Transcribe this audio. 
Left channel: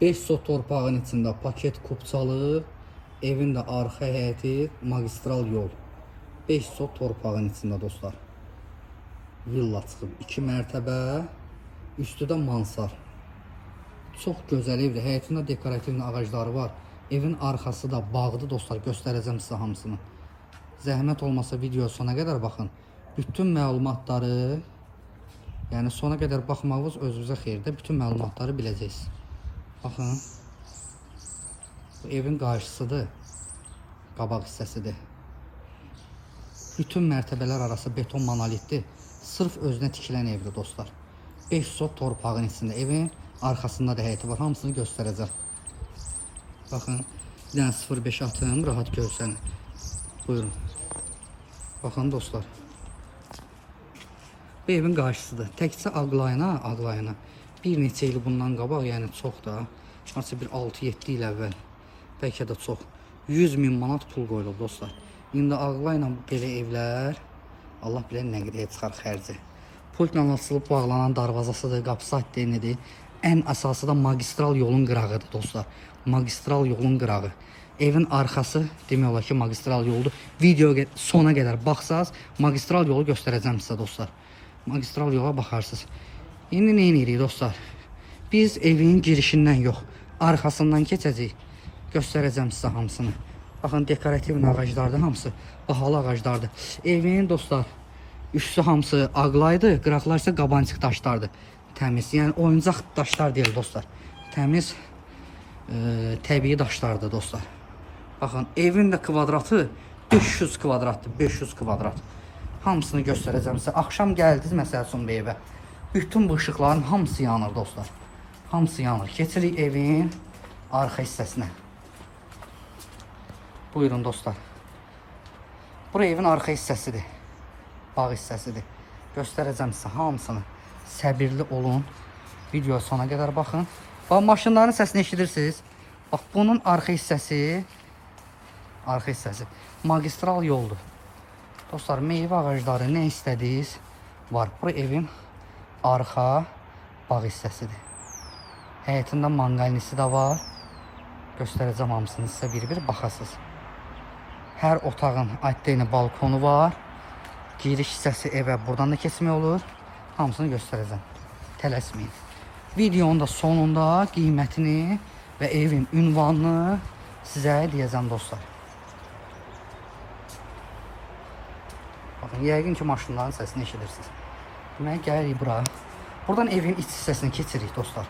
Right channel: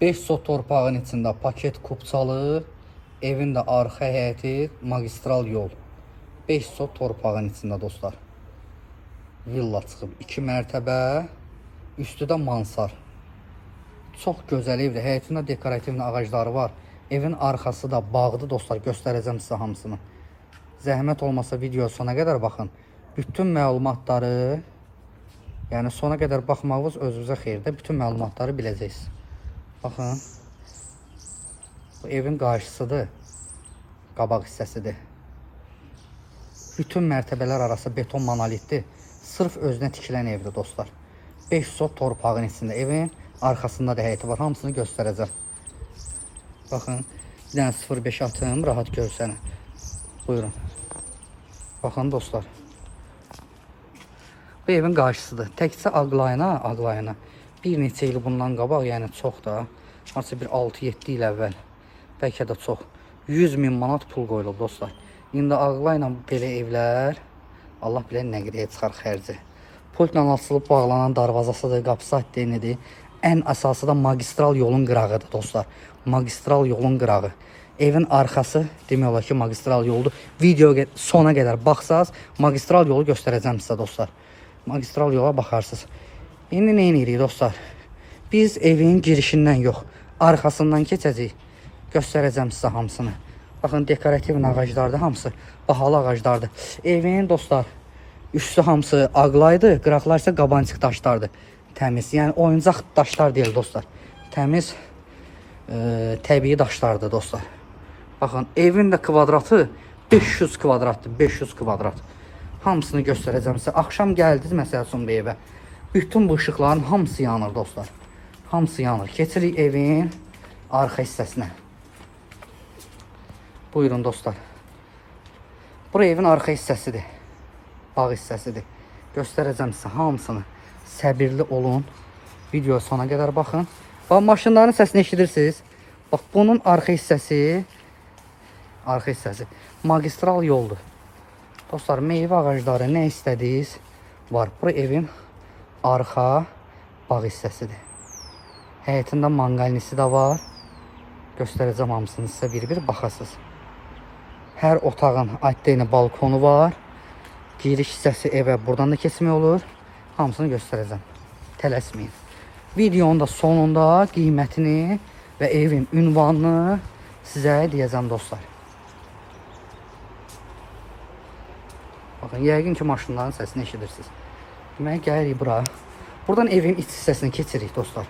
5 sot torpağın içində paket kupçalı, evin də arxa həyəti, magistral yol. 5 sot torpağın içində dostlar. Villa çıxıb 2 mərtəbə, üstü də mansar. Çox gözəl evdir. Həyətində dekorativ ağacları var. Evin arxası da bağdır dostlar. Göstərəcəm sizə hamısını. Zəhmət olmasa video sona qədər baxın. Bütün məlumatları, yəni sona qədər baxmağınız özünüzə xeyirdir. Bütün məlumatları biləcəksiniz. Baxın. Bu evin qarşısıdır. Qabaq hissəsidir. Bütün mərtəbələr arası beton monolitdir. Sırf özünə tikilən evdir dostlar. 5 sot torpağın içində. Evin arxasında da həyəti var. Hamısını göstərəcəm. Baxın. Bir dənə 0.5 atım. Rahat görsənə. Buyurun. Baxın dostlar. Bu evin qarşısıdır. Təkcə ağlayına bir neçə il bundan qabaq, yəni çox da, nasıl bir 6-7 il əvvəl, bəlkə də çox, 100.000 manat pul qoyulub dostlar. İndi ağlayla belə evlər, Allah bilir nə qədəyə çıxar xərci. Pultla açılıb bağlanan darvazasıdır, qapısı haddenidir. Ən əsası da magistral yolun qırağıdır dostlar. Magistral yolun qırağı. Evin arxası demək olar ki magistral yoldur. Video sona qədər baxsaz, magistral yolu göstərəcəm sizə dostlar. Magistral yola baxarsınız. İndi nə edirik dostlar? Biz evin girişindən yox, arxasından keçəcəyik. Göstərəcəm sizə hamısını. Baxın, dekorativ ağaclardır hamısı. Bahalı ağaclardır. Evin dostlar, üstü hamısı ağlaydı, qıraqlar isə qabancıq daşlardır. Təmiz, yəni oyuncaq daşlar deyil dostlar. Təmiz, təbii daşlardır dostlar. Baxın, evin də kvadratı 500 kvadratdır, 500 kvadrat. Hamısını göstərəcəm sizə. Axşam gəldiniz məsəl üçün bu evə. Bütün bu ışıqların hamısı yanır dostlar. Hamısı yanır. Keçirik evin arxa hissəsinə. Buyurun dostlar. Bura evin arxa hissəsidir. Bağ hissəsidir. Göstərəcəm sizə hamısını. Səbirli olun. Video sona qədər baxın. Bax, maşınların səsini eşidirsiniz. Bax, bunun arxa hissəsi magistral yoldur. Dostlar, meyvə ağacları nə istədiniz var. Bura evin arxa bağ hissəsidir. Həyətində manqalnisi də var. Göstərəcəm hamısını sizə bir-bir baxasınız. Hər otağın addeyni balkonu var. Giriş hissəsi evə buradan da keçmək olur. Hamısını göstərəcəm. Tələsməyin. Videonun da sonunda qiymətini və evin ünvanını sizə deyəcəm dostlar. Yəqin ki maşınların səsini eşidirsiniz. Deməli, gəlirik bura. Buradan evin iç hissəsini keçirik dostlar.